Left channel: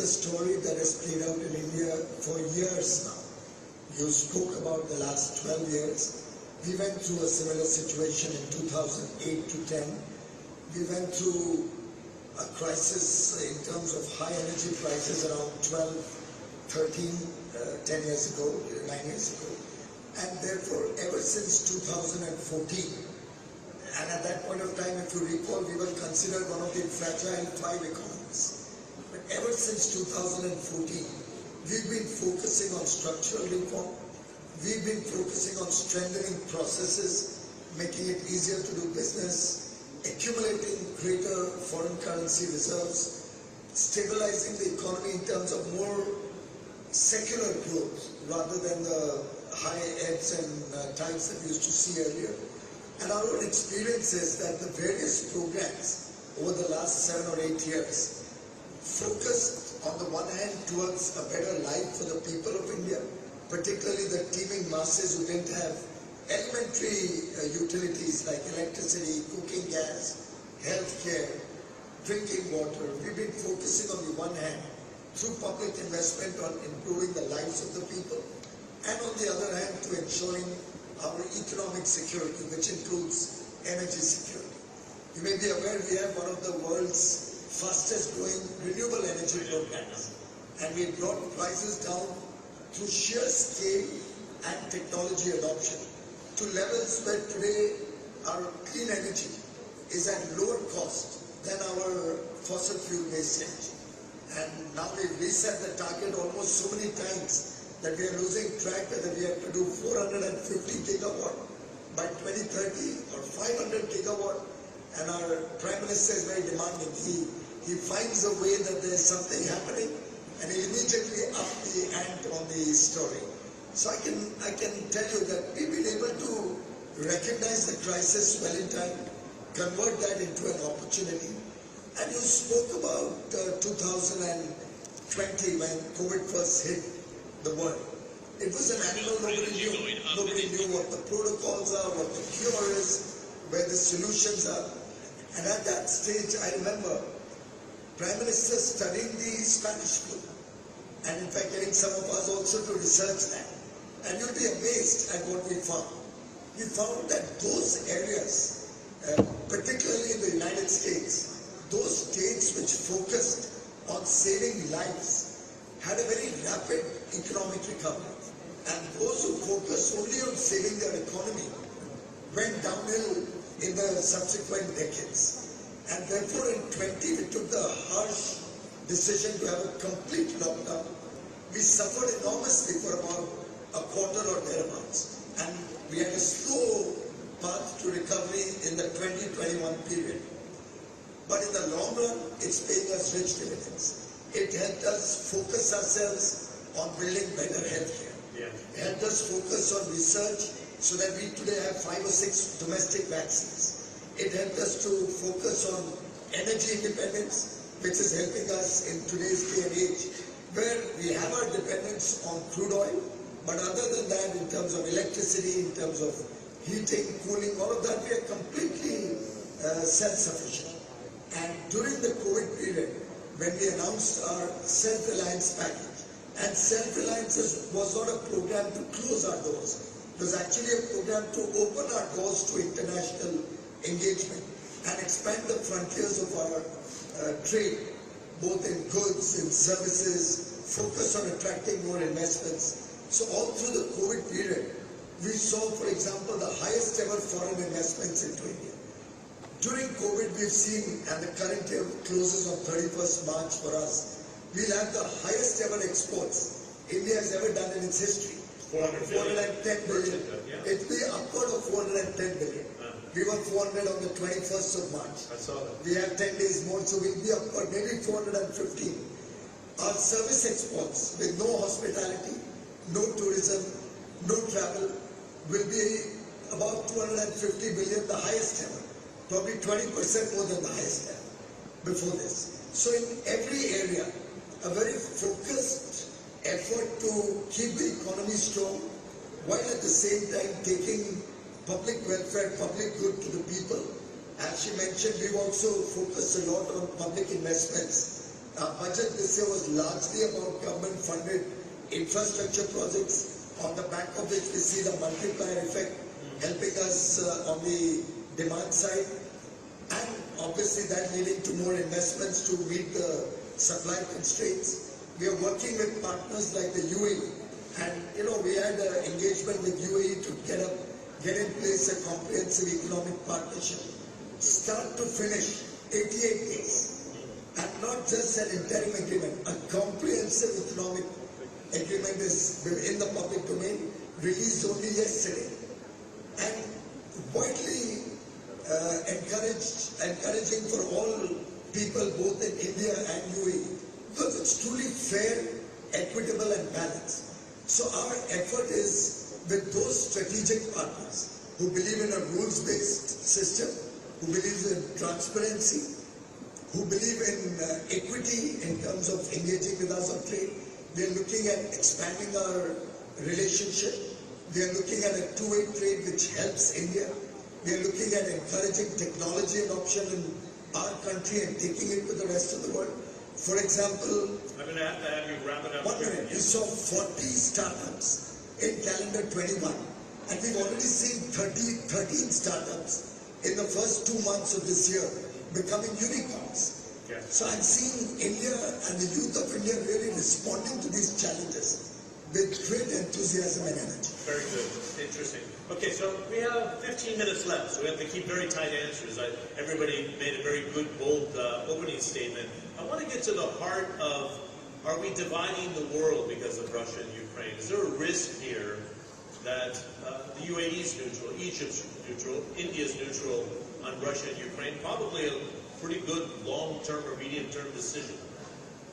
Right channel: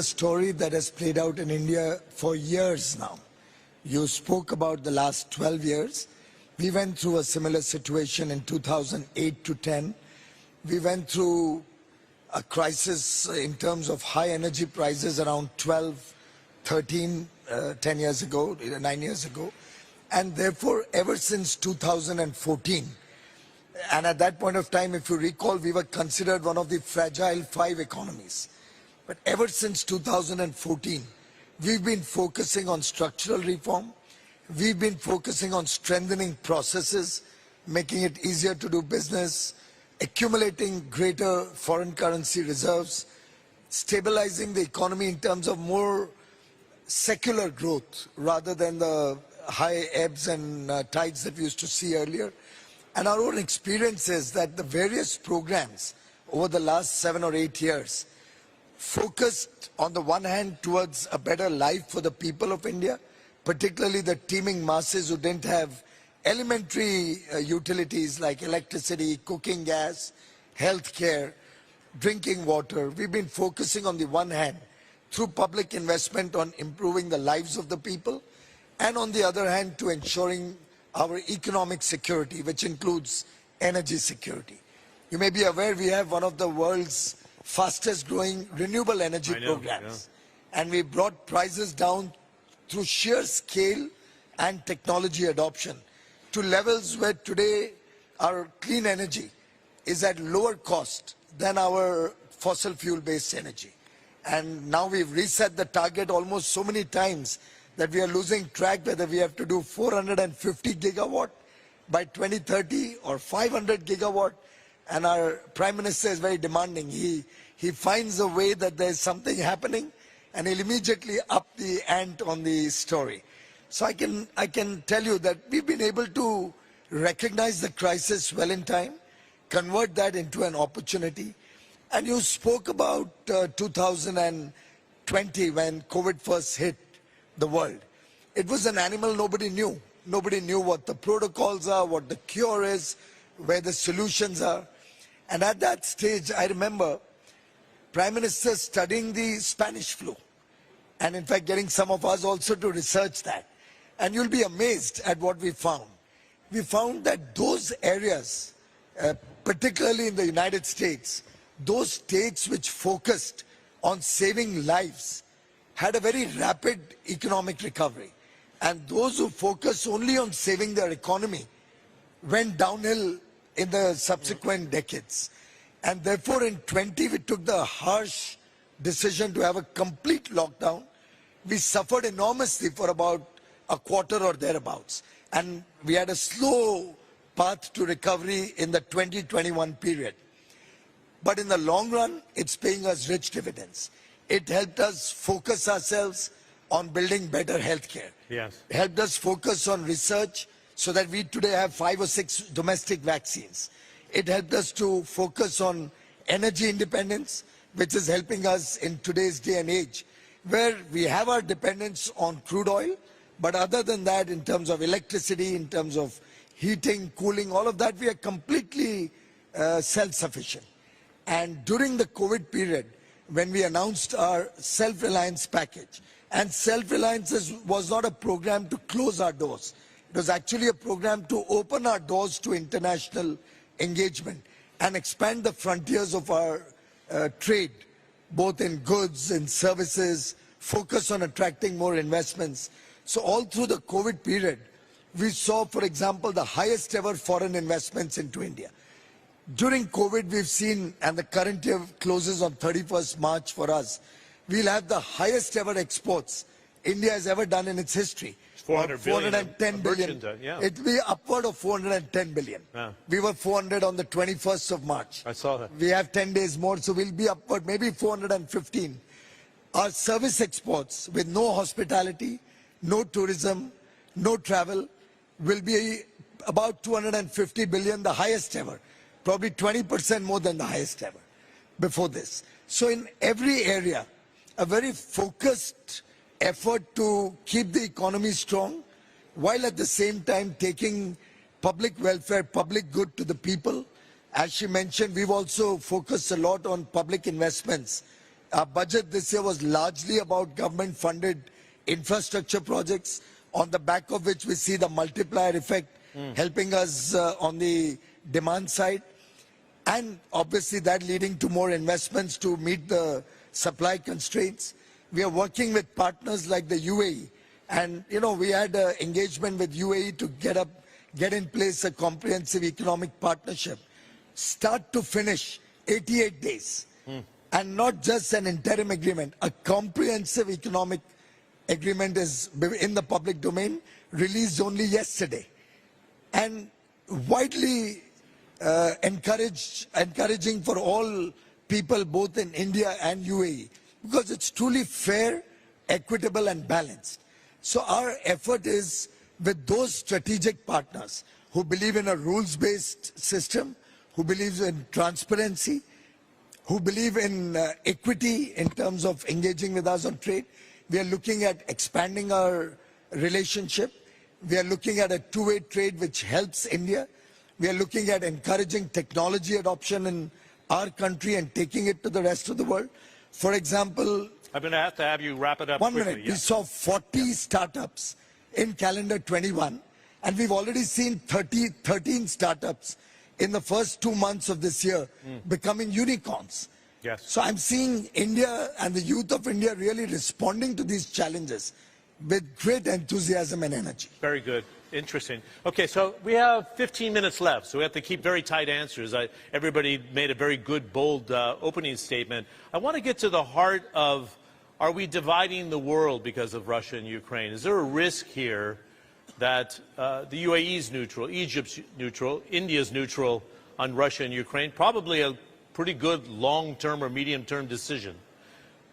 A story that has played out in India for years now. You spoke about the last 12 years. We went through a similar situation in 2008 to 10. We went through a crisis in terms of high energy prices around 12, 13, 10 years ago, 9 years ago. And therefore, ever since 2014, and at that point of time, if you recall, we were considered one of the fragile 5 economies. But ever since 2014, we've been focusing on structural reform. We've been focusing on strengthening processes, making it easier to do business, accumulating greater foreign currency reserves, stabilizing the economy in terms of more secular growth rather than the high ebbs and tides that we used to see earlier. And our own experience is that the various programs over the last 7 or 8 years focused on the one hand towards a better life for the people of India, particularly the teeming masses who didn't have elementary utilities like electricity, cooking gas, healthcare, drinking water. We've been focusing on the one hand through public investment on improving the lives of the people, and on the other hand to ensuring our economic security, which includes energy security. You may be aware we have one of the world's fastest growing renewable energy programs. Yeah. And we brought prices down through sheer scale and technology adoption to levels where today our clean energy is at lower cost than our fossil fuel based energy. And now we've reset the target almost so many times that we are losing track whether we have to do 450 gigawatt by 2030 or 500 gigawatt. And our Prime Minister is very demanding. He finds a way that there's something happening and he'll immediately up the ante on the story. So I can tell you that we've been able to recognize the crisis well in time, convert that into an opportunity. And you spoke about 2020 when COVID first hit the world. It was an animal nobody knew. Nobody knew what the protocols are, what the cure is, where the solutions are. And at that stage, I remember Prime Minister studying the Spanish flu, and in fact getting some of us also to research that. And you'll be amazed at what we found. We found that those areas, particularly in the United States, those states which focused on saving lives had a very rapid economic recovery. And those who focused only on saving their economy went downhill in the subsequent decades. And therefore in 20 we took the harsh decision to have a complete lockdown. We suffered enormously for about a quarter or thereabouts. And we had a slow path to recovery in the 2021 period. But in the long run, it's paying us rich dividends. It helped us focus ourselves on building better healthcare. Yes. It helped us focus on research so that we today have 5 or 6 domestic vaccines. It helped us to focus on energy independence, which is helping us in today's day and age, where we have our dependence on crude oil, but other than that, in terms of electricity, in terms of heating, cooling, all of that, we are completely self-sufficient. And during the COVID period, when we announced our self-reliance package, and self-reliance was not a program to close our doors. It was actually a program to open our doors to international engagement and expand the frontiers of our trade, both in goods and services, focus on attracting more investments. So all through the COVID period, we saw, for example, the highest ever foreign investments into India. During COVID, we've seen, and the current year closes on 31st March for us, we'll have the highest ever exports India has ever done in its history. 410 billion. Yeah. It'll be upward of 410 billion. Yeah. We were 400 on the 21st of March. I saw that. We have 10 days more, so we'll be upward, maybe 415. Our service exports with no hospitality, no tourism, no travel will be about 250 billion, the highest ever. Probably 20% more than the highest ever before this. So in every area, a very focused effort to keep the economy strong, while at the same time taking public welfare, public good to the people. As she mentioned, we've also focused a lot on public investments Our budget this year was largely about government-funded infrastructure projects, on the back of which we see the multiplier effect helping us on the demand side, and obviously that leading to more investments to meet the supply constraints. We are working with partners like the UAE, and we had an engagement with UAE to get in place a comprehensive economic partnership, start to finish, 88 days. And not just an interim agreement, a comprehensive economic agreement is in the public domain, released only yesterday. And widely encouraging for all people both in India and UAE, because it's truly fair, equitable and balanced. So our effort is with those strategic partners who believe in a rules-based system, who believe in transparency, who believe in equity in terms of engaging with us on trade. We are looking at expanding our relationship. We are looking at a two-way trade which helps India. We are looking at encouraging technology adoption in our country and taking it to the rest of the world. For example, I'm going to have you wrap it up. 1 minute. We saw 40 startups in calendar 21, and we've already seen 13 startups in the first 2 months of this year becoming unicorns. Yes. So I'm seeing India and the youth of India really responding to these challenges with great enthusiasm and energy. Very good. Interesting. Okay, so we have 15 minutes left, so we have to keep very tight answers. Everybody made a very good, bold opening statement. I want to get to the heart of, are we dividing the world because of Russia and Ukraine? Is there a risk here that the UAE is neutral, Egypt's neutral, India's neutral on Russia and Ukraine? Probably a pretty good long-term or medium-term decision.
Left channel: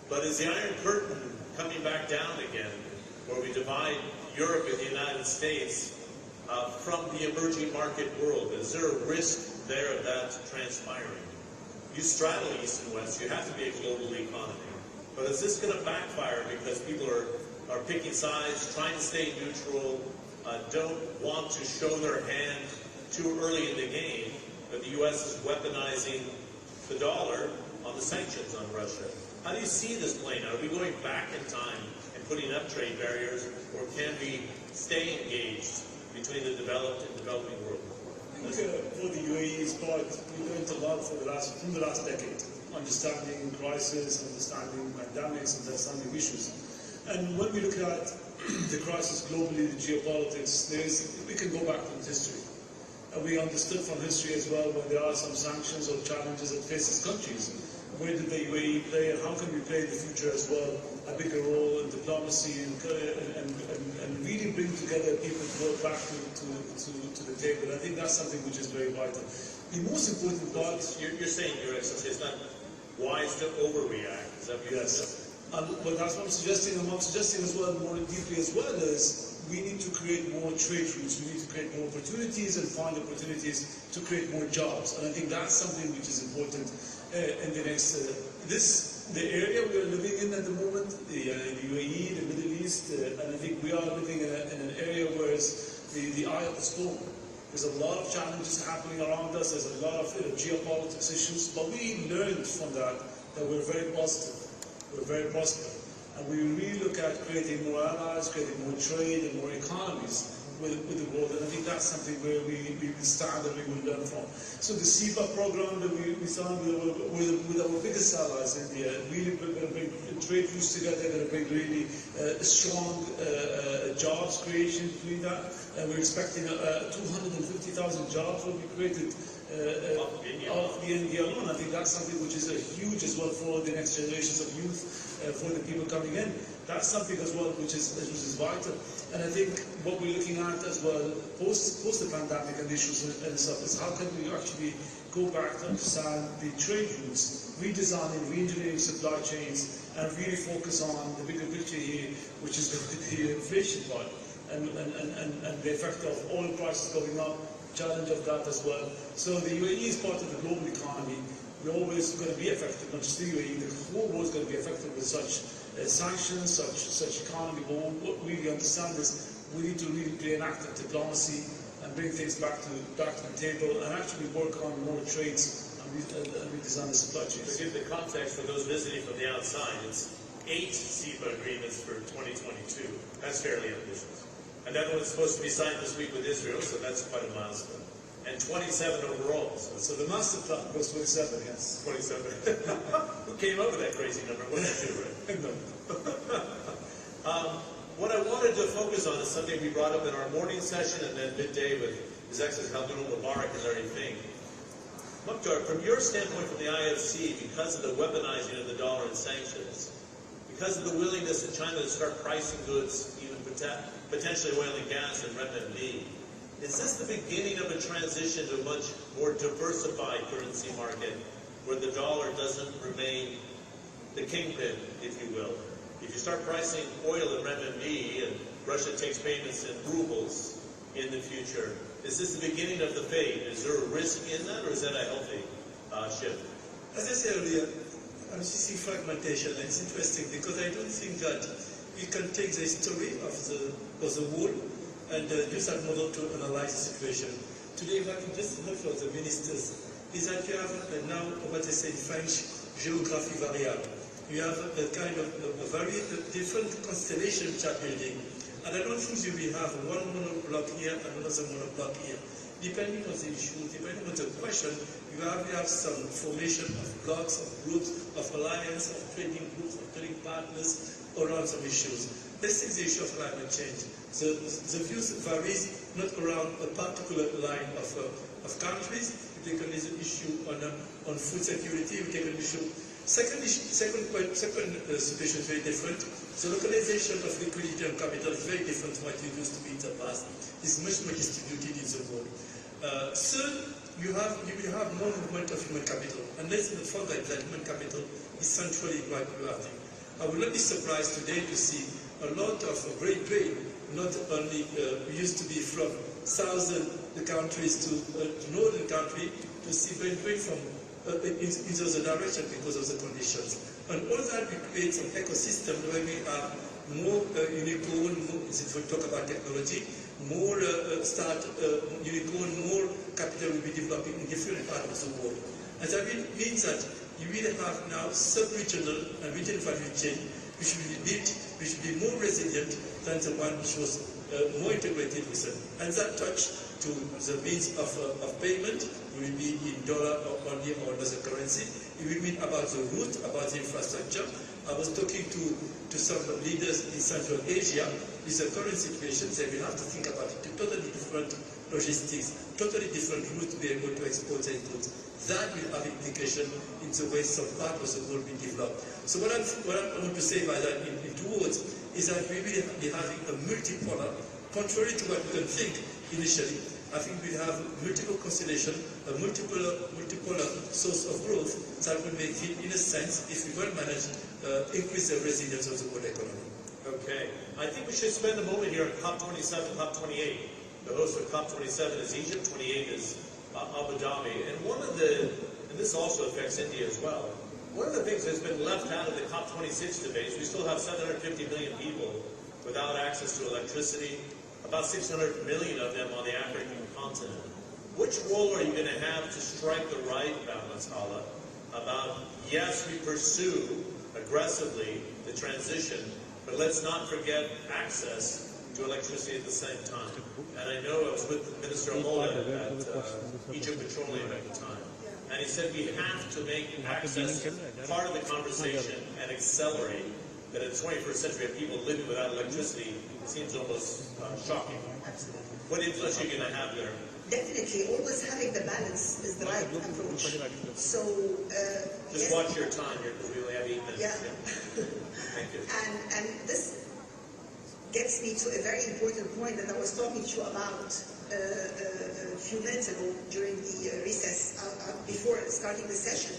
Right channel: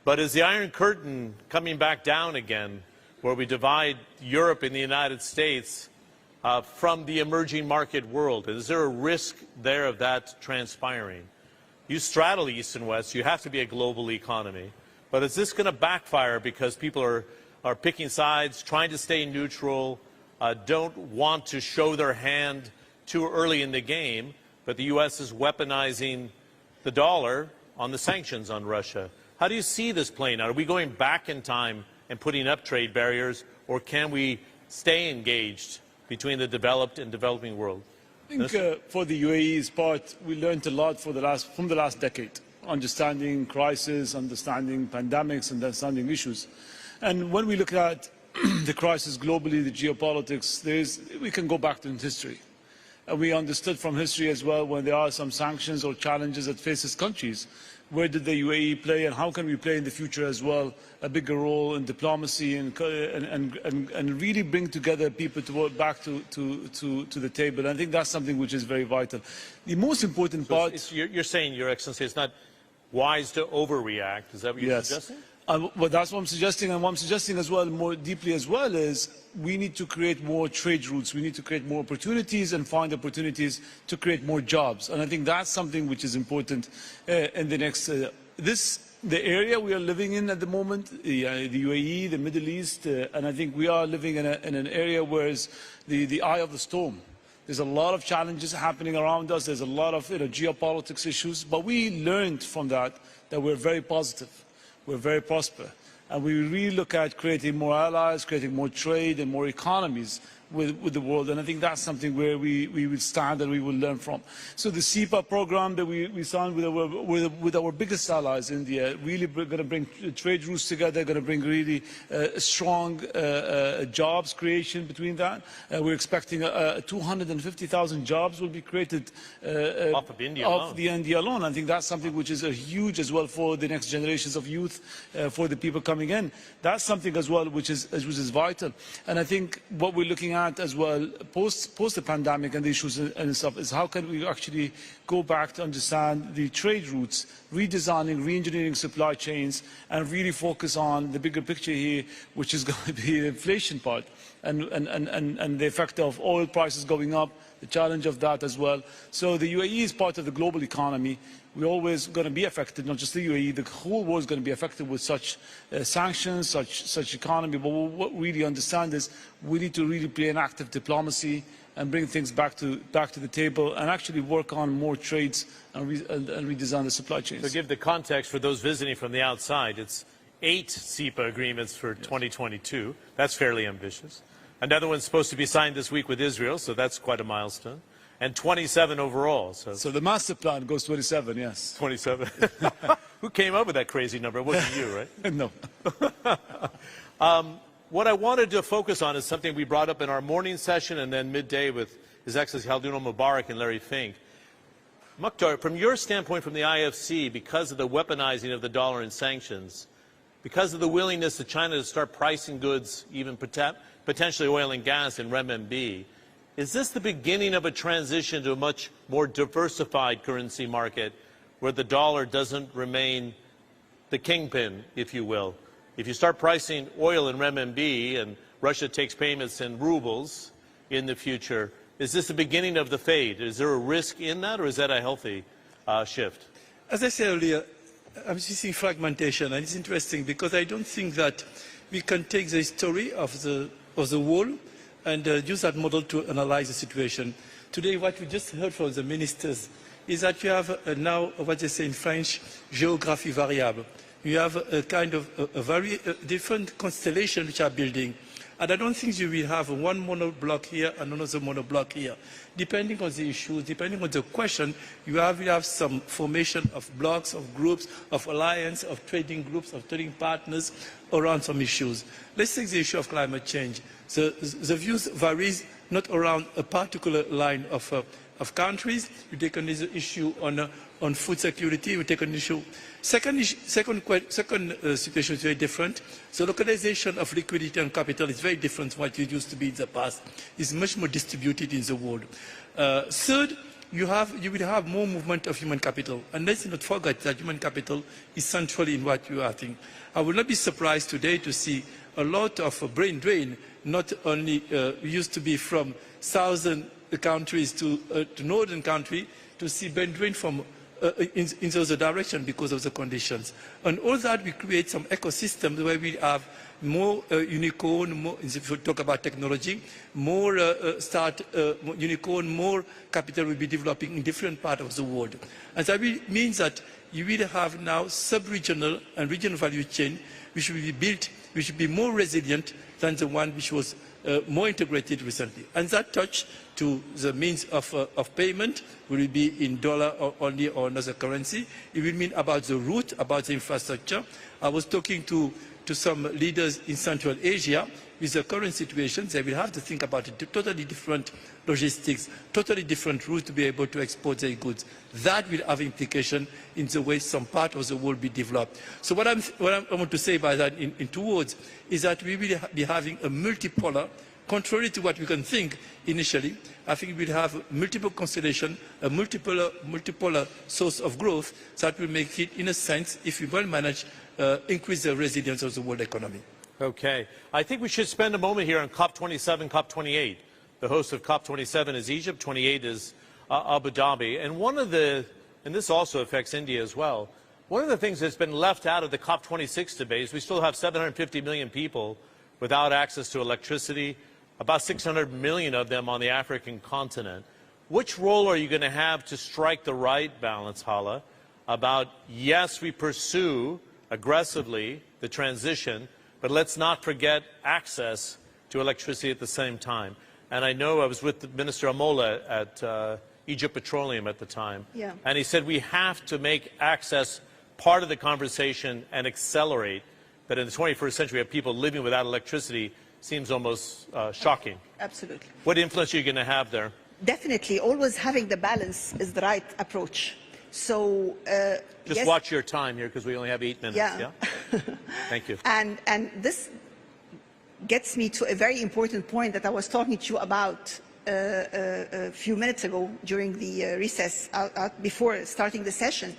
But is the Iron Curtain coming back down again, where we divide Europe and the United States from the emerging market world? Is there a risk there of that transpiring? You straddle East and West. You have to be a global economy. But is this going to backfire because people are picking sides, trying to stay neutral, don't want to show their hand too early in the game, but the U.S. is weaponizing the dollar on the sanctions on Russia? How do you see this playing out? Are we going back in time and putting up trade barriers, or can we stay engaged between the developed and developing world? I think for the UAE's part, we learned a lot from the last decade, understanding crisis, understanding pandemics, understanding issues. And when we look at the crisis globally, the geopolitics, we can go back to history. And we understood from history as well, when there are some sanctions or challenges that faces countries, where did the UAE play, and how can we play in the future as well a bigger role in diplomacy and really bring together people to work back to the table. And I think that's something which is very vital. The most important part... You're saying, Your Excellency, it's not wise to overreact. Is that what you're suggesting? Well, that's what I'm suggesting, and what I'm suggesting as well, more deeply as well, is we need to create more trade routes. We need to create more opportunities and find opportunities to create more jobs. And I think that's something which is important in the next... the area we are living in at the moment, the UAE, the Middle East, and I think we are living in an area where it's the eye of the storm. There's a lot of challenges happening around us. There's a lot of geopolitics issues, but we learned from that we're very positive. We're very prosperous. And we really look at creating more allies, creating more trade and more economies with the world. And I think that's something where we will stand and we will learn from. So the CEPA program that we signed with our biggest allies, India, really going to bring trade routes together, going to bring really strong jobs creation between that. We're expecting 250,000 jobs will be created off of India alone. I think that's something which is a huge as well for the next generations of youth, for the people coming in. That's something as well which is vital. And I think what we're looking at as well post the pandemic and the issues and stuff is how can we actually go back to understand the trade routes, redesigning, re-engineering supply chains, and really focus on the bigger picture here, which is going to be the inflation part and the effect of oil prices going up, the challenge of that as well. So the UAE is part of the global economy. We're always going to be affected, not just the UAE, the whole world is going to be affected with such sanctions, such economy. But what we really understand is we need to really play an active diplomacy and bring things back to the table and actually work on more trades and redesign the supply chains. To give the context for those visiting from the outside, it's 8 CEPA agreements for 2022. That's fairly ambitious. Another one's supposed to be signed this week with Israel, so that's quite a milestone. And 27 overall. So the master plan goes 27, yes. 27. Who came up with that crazy number? It wasn't you, right? No. What I wanted to focus on is something we brought up in our morning session and then midday with His Excellency Khaldun Mubarak and Larry Fink. Mukhtar, from your standpoint from the IFC, because of the weaponizing of the dollar and sanctions, because of the willingness of China to start pricing goods, even potentially oil and gas in renminbi, is this the beginning of a transition to a much more diversified currency market where the dollar doesn't remain the kingpin, if you will? If you start pricing oil in renminbi and Russia takes payments in rubles in the future, is this the beginning of the fade? Is there a risk in that, or is that a healthy shift? As I said earlier, I'm seeing fragmentation, and it's interesting because I don't think that we can take the story of the world and use that model to analyze the situation. Today, what we just heard from the ministers is that you have now what they say in French, géographie variable. You have a kind of a very different constellation which are building. And I don't think you will have one monoblock here and another monoblock here. Depending on the issues, depending on the question, you have some formation of blocks, of groups, of alliance, of trading groups, of trading partners around some issues. Let's take the issue of climate change. The views varies not around a particular line of countries. We take an issue on food security. We take an issue. Second situation is very different. The localization of liquidity and capital is very different from what it used to be in the past. It's much more distributed in the world. Third, you will have more movement of human capital. And let's not forget that human capital is central in what you are thinking. I will not be surprised today to see a lot of brain drain, not only used to be from southern countries to northern country, to see brain drain from in the other direction because of the conditions. And all that will create some ecosystems where we have more unicorn, more, if we talk about technology, more unicorn, more capital will be developing in different parts of the world. And that means that you will have now sub-regional and regional value chain which will be built, which will be more resilient than the one which was more integrated recently. And that touch to the means of payment will it be in dollar or only or another currency. It will mean about the route, about the infrastructure. I was talking to some leaders in Central Asia. With the current situation, they will have to think about it, totally different logistics, totally different routes to be able to export their goods. That will have implication in the way some part of the world will be developed. So what I want to say by that in 2 words is that we will be having a multipolar, contrary to what we can think initially. I think we'll have multiple constellation, a multipolar source of growth that will make it, in a sense, if we well manage, increase the resilience of the world economy. Okay. I think we should spend a moment here on COP27, COP28. The host of COP27 is Egypt, 28 is Abu Dhabi. And and this also affects India as well, one of the things that's been left out of the COP26 debate is we still have 750 million people without access to electricity, about 600 million of them on the African continent. Which role are you going to have to strike the right balance, Hala, about, yes, we pursue aggressively the transition, but let's not forget access to electricity at the same time? And I know I was with Minister Amola at Egypt Petroleum at the time, and he said we have to make access part of the conversation and accelerate. But in the 21st century, we have people living without electricity. Seems almost shocking. Absolutely. What influence are you going to have there? Definitely, always having the balance is the right approach. So just yes, watch your time here because we only have 8 minutes. Yeah. Thank you. And this gets me to a very important point that I was talking to you about a few minutes ago during the recess before starting the session.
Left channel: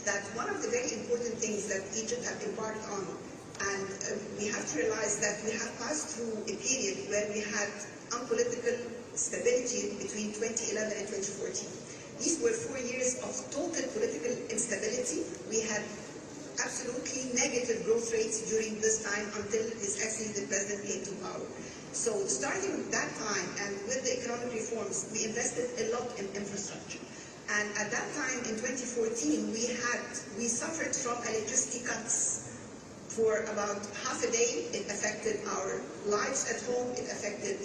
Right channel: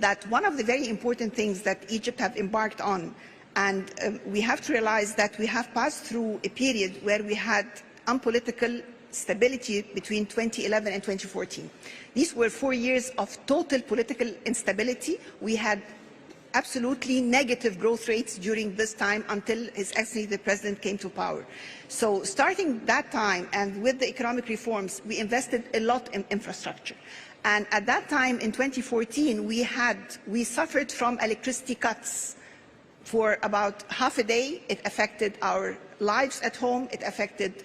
That one of the very important things that Egypt have embarked on, and we have to realize that we have passed through a period where we had unpolitical stability between 2011 and 2014. These were 4 years of total political instability. We had absolutely negative growth rates during this time until His Excellency the President came to power. So starting that time and with the economic reforms, we invested a lot in infrastructure. And at that time in 2014, we suffered from electricity cuts for about half a day. It affected our lives at home, it affected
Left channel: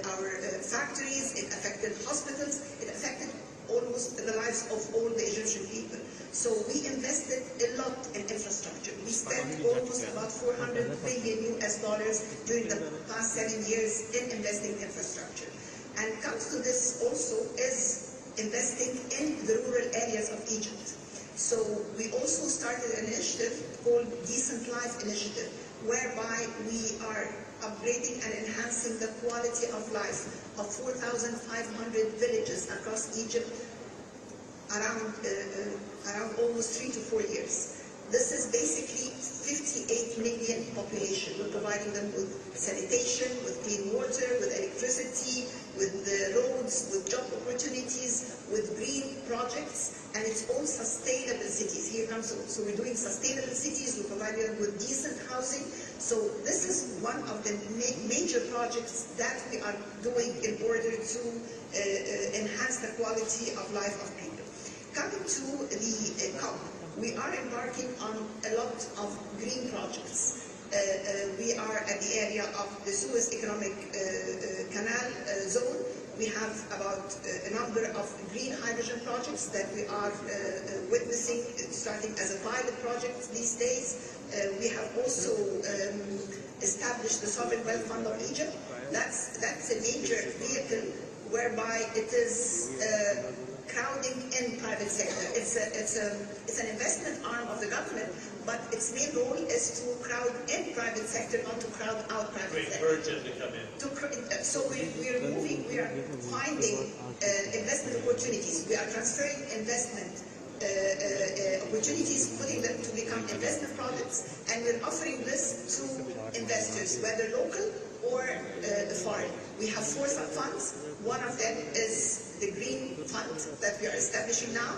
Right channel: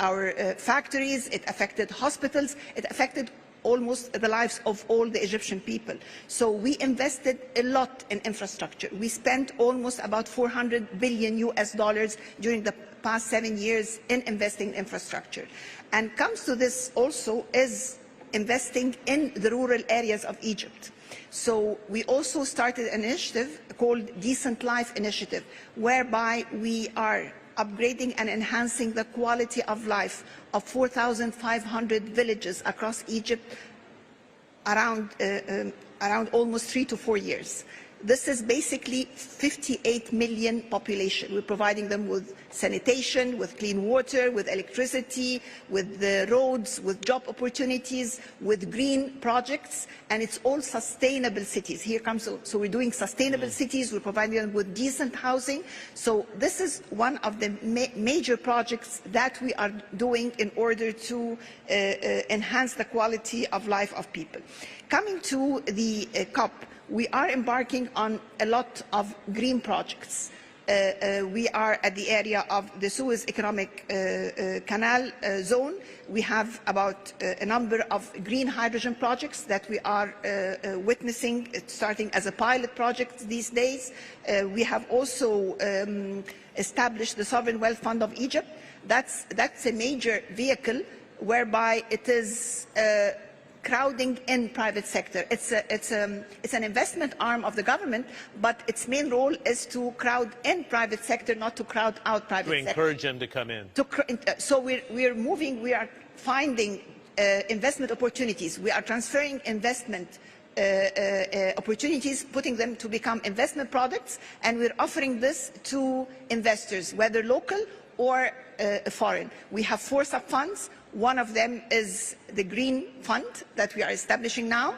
our factories, it affected hospitals, it affected almost the lives of all the Egyptian people. So we invested a lot in infrastructure. We spent almost about $400 billion during the past 7 years in investing in infrastructure. And comes to this also is investing in the rural areas of Egypt. So we also started an initiative called Decent Life Initiative, whereby we are upgrading and enhancing the quality of life of 4,500 villages across Egypt around almost 3 to 4 years. This is basically 58 million population. We're providing them with sanitation, with clean water, with electricity, with the roads, with job opportunities, with green projects, and it's all sustainable cities. Here comes, so we're doing sustainable cities, we're providing them with decent housing. So this is one of the major projects that we are doing in order to enhance the quality of life of people. Coming to the COP, we are embarking on a lot of green projects. We are at the area of the Suez Economic Canal zone. We have about a number of green hydrogen projects that we are witnessing, starting as a pilot project these days. We have also established the Sovereign Wealth Fund of Egypt. That's a major vehicle whereby it is crowding in private sector. It's an investment arm of the government, but its main role is to crowd in private sector, not to crowd out private sector. To encourage them to come in. So we are finding investment opportunities. We are transferring investment opportunities, putting them to become investment products, and we're offering this to investors, whether local or foreign. We have 4 sub-funds. One of them is the Green Fund that we are establishing now.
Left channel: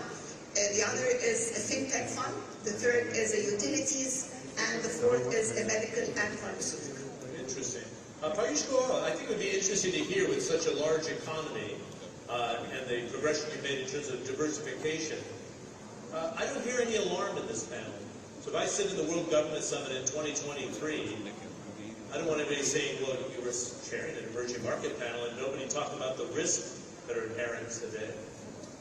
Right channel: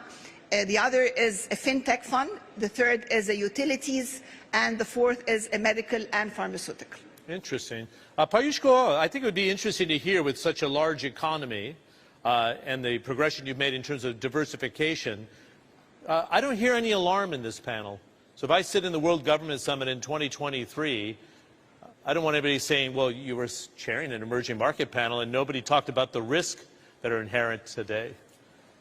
The other is a FinTech fund. The third is a utilities, and the fourth is a medical and pharmaceutical. Interesting. Piyush Goyal, I think it would be interesting to hear, with such a large economy and the progression you've made in terms of diversification, I don't hear any alarm in this panel. So if I sit in the World Government Summit in 2023, I don't want anybody saying, well, you were chairing an emerging market panel and nobody talked about the risks that are inherent today.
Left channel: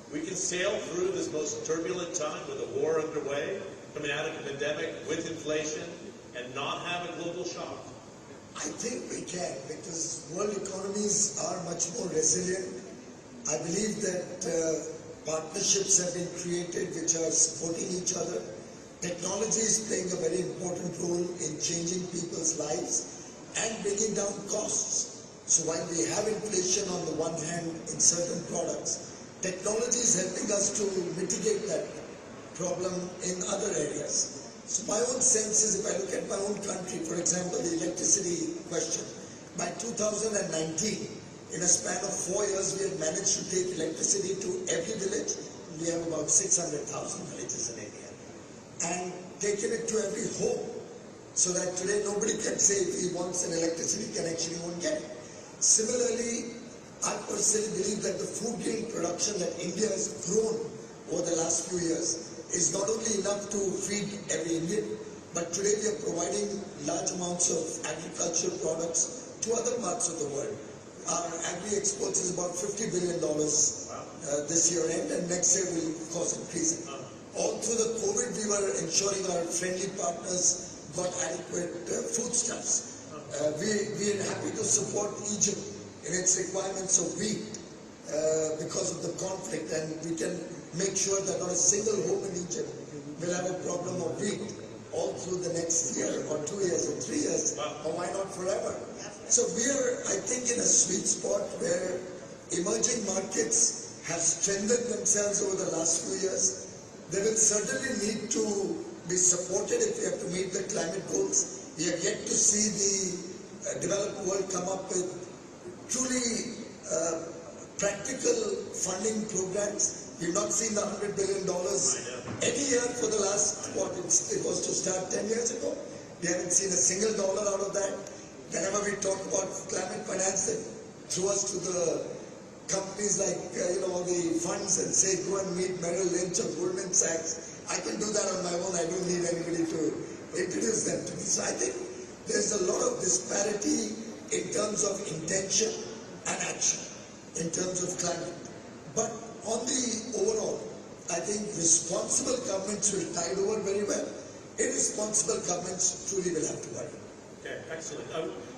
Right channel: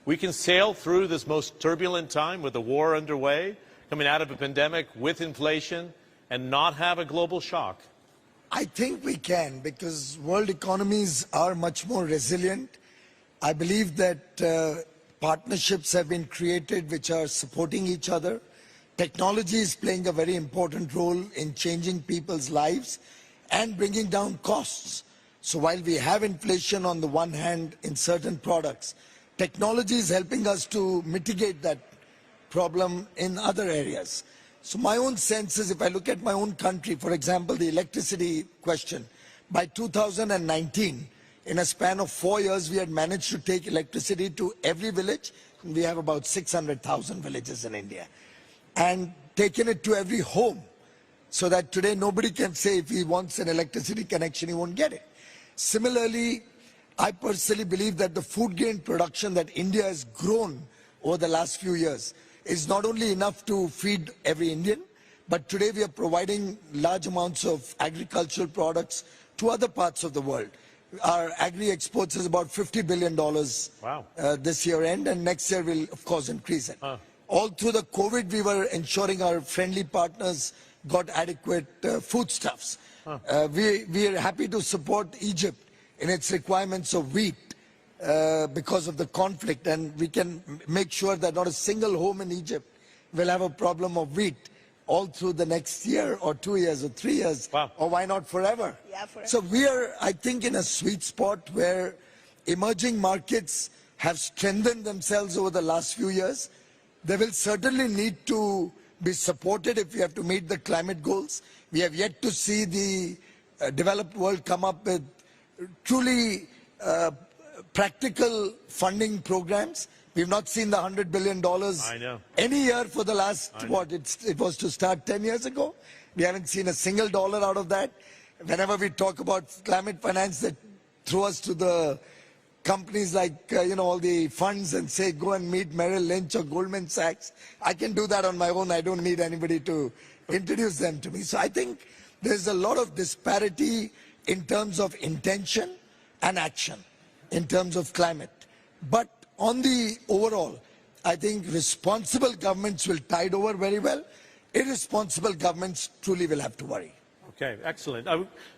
We can sail through this most turbulent time with a war underway, coming out of a pandemic with inflation, and not have a global shock. I think we can, because world economies are much more resilient. I believe that partnerships have been created which are supporting each other. Technology is playing a very important role in changing people's lives and bringing down costs. So while we have inflation on the one hand in certain products, technology is helping us to mitigate that problem in other areas. So my own sense is, if I look at my own country, for example, the electricity question, by 2019, in a span of 4 years, we had managed to take electricity to every village. We have about 600,000 villages in India, and taken it to every home, so that today nobody can say if he wants an electricity connection, he won't get it. Similarly, I personally believe that the food grain production that India has grown over the last few years is not only enough to feed every Indian, but today we are providing large amounts of agricultural products to other parts of the world. Our agri-exports is about $50 billion this year end, and next year will of course increase it. All through the COVID, we were ensuring our friendly partners got adequate foodstuffs. We are happy to support Egypt in its requirements of wheat because of the conflict, and we can make sure that not a single home in Egypt will have a problem of wheat all through the next year or 2 years or 3 years, or why not forever. So we are, I think, in a sweet spot where emerging markets have strengthened themselves over the last few years. They will certainly need to be supported if we have to meet the climate goals. We have yet to see the developed world come up with truly practical funding programs We've not seen the $100 billion I know. any year for the last, it was to start 10 years ago. We haven't seen a single dollar out of that. Whenever we talk about climate finance, they throw us to the companies like, all the funds and say, go and meet Merrill Lynch or Goldman Sachs. I can do that on my own. I don't need anybody to introduce them to me. So I think there's a lot of disparity in terms of intention and action, in terms of climate. But on the overall, I think responsible governments will tide over very well. Irresponsible governments truly will have to worry. Okay, excellent.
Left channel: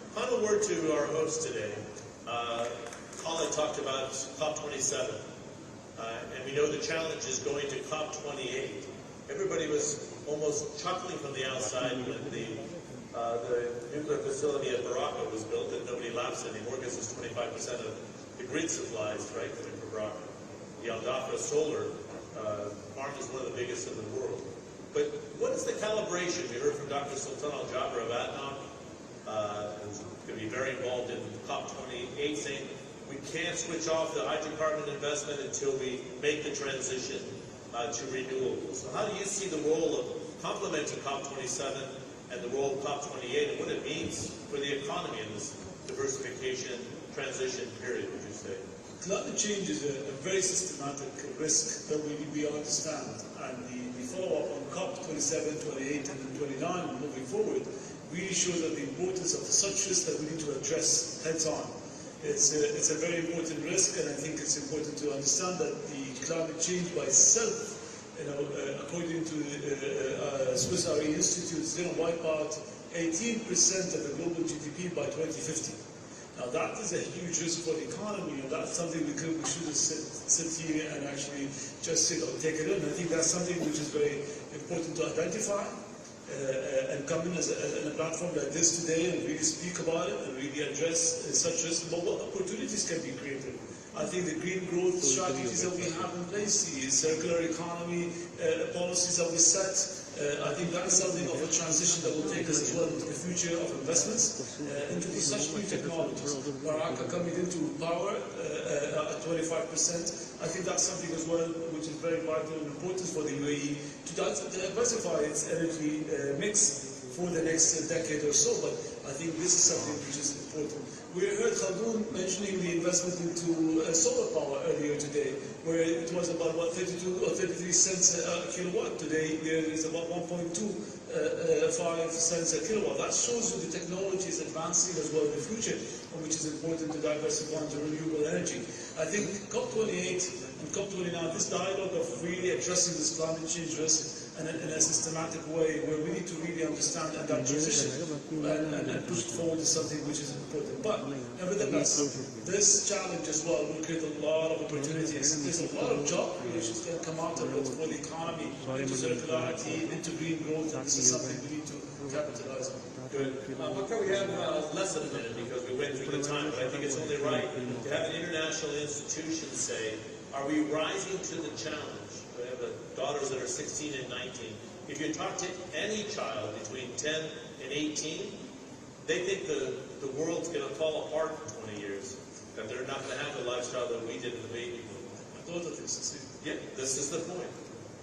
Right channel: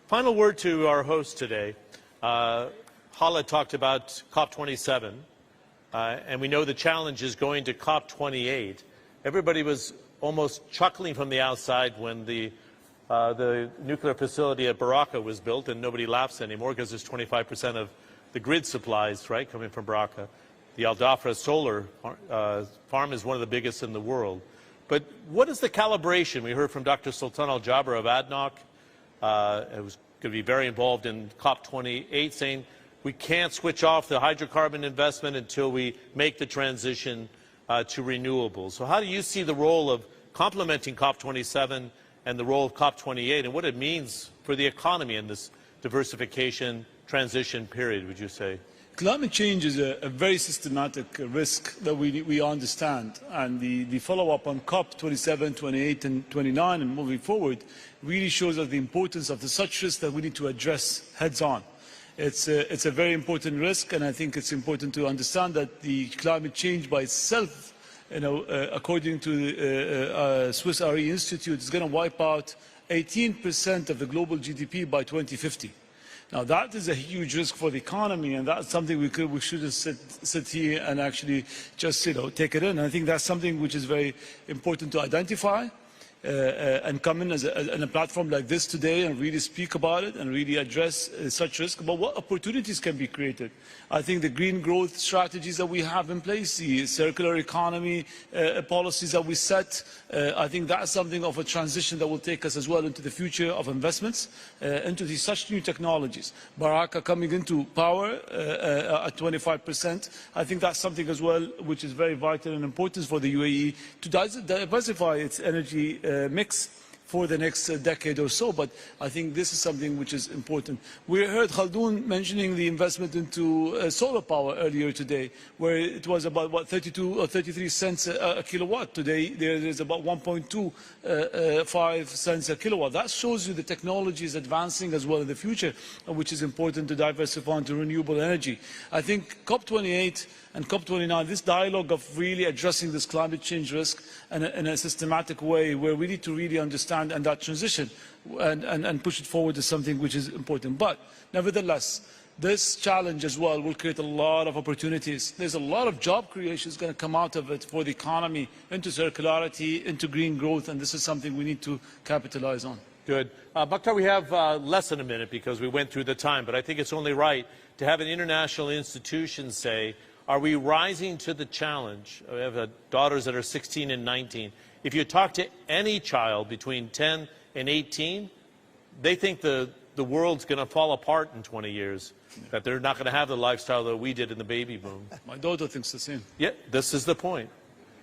Final word to our host today. Hala talked about COP27, and we know the challenge is going to COP28. Everybody was almost chuckling from the outside when the nuclear facility at Baraka was built, and nobody laughs anymore because it's 25% of the grid supplies, right, coming from Baraka. The Al Dhafra solar farm is one of the biggest in the world. But what is the calibration? We heard from Dr. Sultan Al Jaber of ADNOC, who was going to be very involved in COP28, saying we can't switch off the hydrocarbon investment until we make the transition to renewables. So how do you see the role of complementing COP27 and the role of COP28 and what it means for the economy in this diversification transition period, would you say? Climate change is a very systematic risk that we understand, and the follow-up on COP27, 28 and 29 and moving forward really shows us the importance of such risk that we need to address heads-on. It's a very important risk, and I think it's important to understand that the climate change by itself, according to the Swiss RE Institute, is going to wipe out 18% of the global GDP by 2050. Now that is a huge risk for the economy, and that's something we shouldn't sit here and actually just take it in. I think that's something which is very important to identify and come in a platform like this today and really speak about it and really address such risks. But what opportunities can be created? I think the green growth strategies that we have in place, the circular economy policies that we set, I think that's something of a transition that will take us as well into the future of investments, into such new technologies. Baraka coming into power at 25%, I think that's something as well which is very vital and important for the UAE to diversify its energy mix for the next decade or so, but I think this is something which is important. We heard Khaldoon mentioning the investment into solar power earlier today, where it was about 32 or 33 cents a kilowatt. Today there is about 1.25 cents a kilowatt. That shows you the technology is advancing as well in the future, which is important to diversify into renewable energy. I think COP28 and COP29, this dialogue of really addressing this climate change risk in a systematic way, where we need to really understand and that transition and push it forward is something which is important. But nevertheless, this challenge as well will create a lot of opportunities. There's a lot of job creation that's going to come out of it for the economy, into circularity, into green growth, and this is something we need to capitalize on. Good. Bakhtar, we have less than a minute because we went through the time, but I think it's only right to have an international institution say, are we rising to the challenge? We have daughters that are 16 and 19. If you talk to any child between 10 and 18, they think the world's going to fall apart in 20 years, that they're not going to have the lifestyle that we did in the baby boom. My daughter thinks the same. Yeah, this is the point.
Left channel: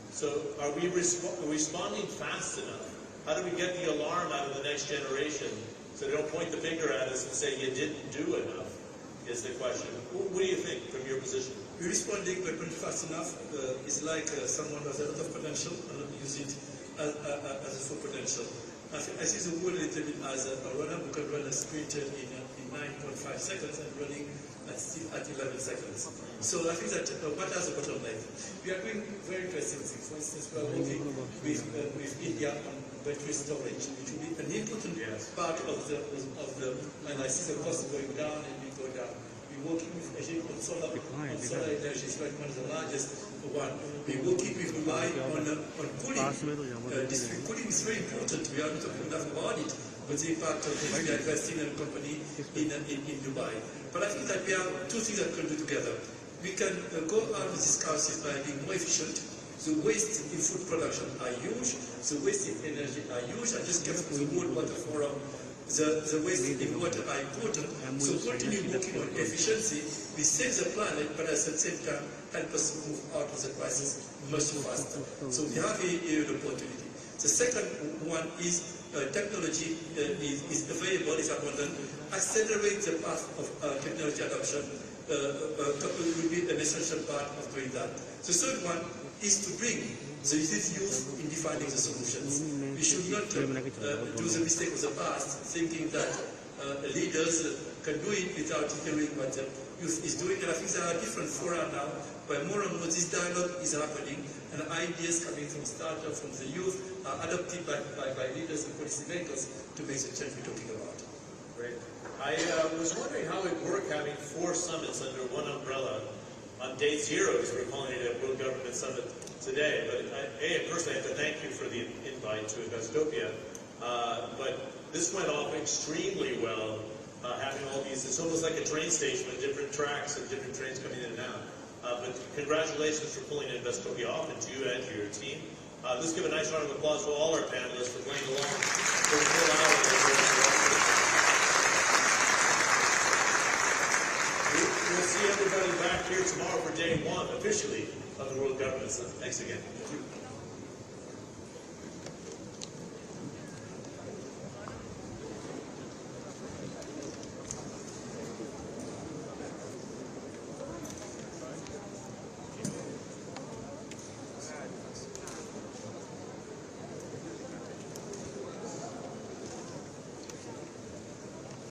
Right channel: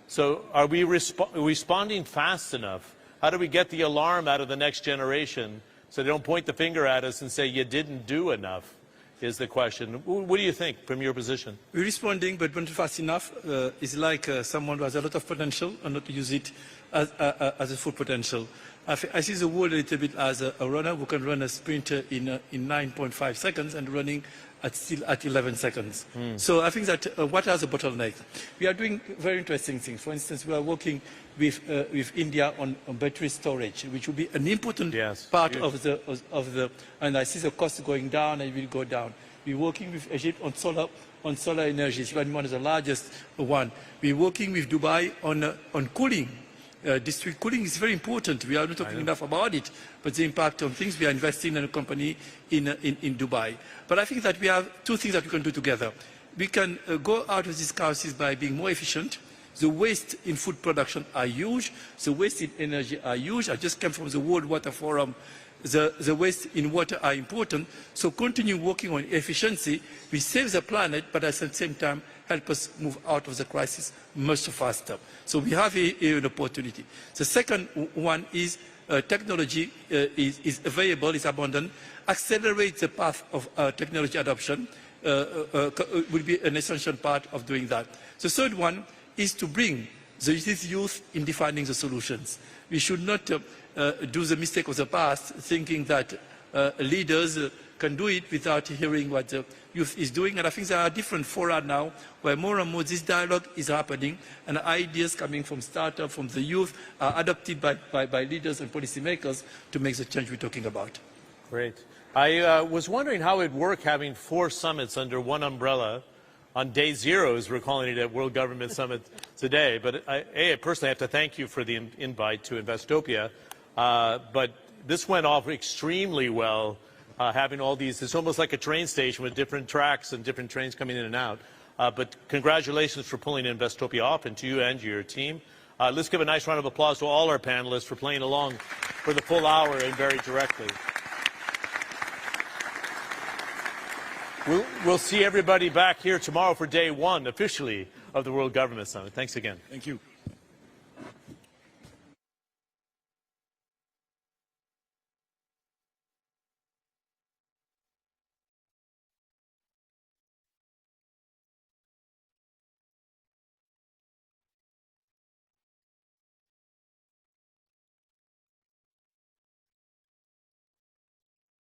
So are we responding fast enough? How do we get the alarm out of the next generation so they don't point the finger at us and say, you didn't do enough? Is the question. What do you think from your position? We're responding, but not fast enough. It's like someone who has a lot of potential and not use it as a full potential. I see the world a little bit as a runner who can run a sprint in 9.5 seconds and running still at 11 seconds. So I think that what are the bottlenecks? We are doing very interesting things. For instance, we are working with India on battery storage, which will be an important part of the, and I see the cost going down and it will go down. We're working with Egypt on solar energy. It's one of the largest one. We're working with Dubai on cooling. District cooling is very important. We are not talking enough about it, but the impact on things, we are investing in a company in Dubai. But I think that we have two things that we can do together. We can go out of this crisis by being more efficient. The waste in food production are huge. The waste in energy are huge. I just came from the World Water Forum. The waste in water are important. So continue working on efficiency. We save the planet, but at the same time help us move out of the crisis much faster. So we have an opportunity. The second one is technology is available, is abundant. Accelerate the path of technology adoption will be an essential part of doing that. The third one is to bring the youth in defining the solutions. We should not do the mistake of the past, thinking that leaders can do it without hearing what the youth is doing. And I think there are different fora now where more and more this dialogue is happening, and ideas coming from startups, from the youth, are adopted by leaders and policymakers to make the change we're talking about. Great. I was wondering how it would work having 4 summits under one umbrella on day 0, as we're calling it at World Government Summit today. But I personally have to thank you for the invite to Investopia. But this went off extremely well, having all these, it's almost like a train station with different tracks and different trains coming in and out. But congratulations for pulling Investopia off, and to you and your team. Let's give a nice round of applause to all our panelists for playing along for the full hour in various directions. We'll see everybody back here tomorrow for day 1, officially, of the World Government Summit. Thanks again. Thank you.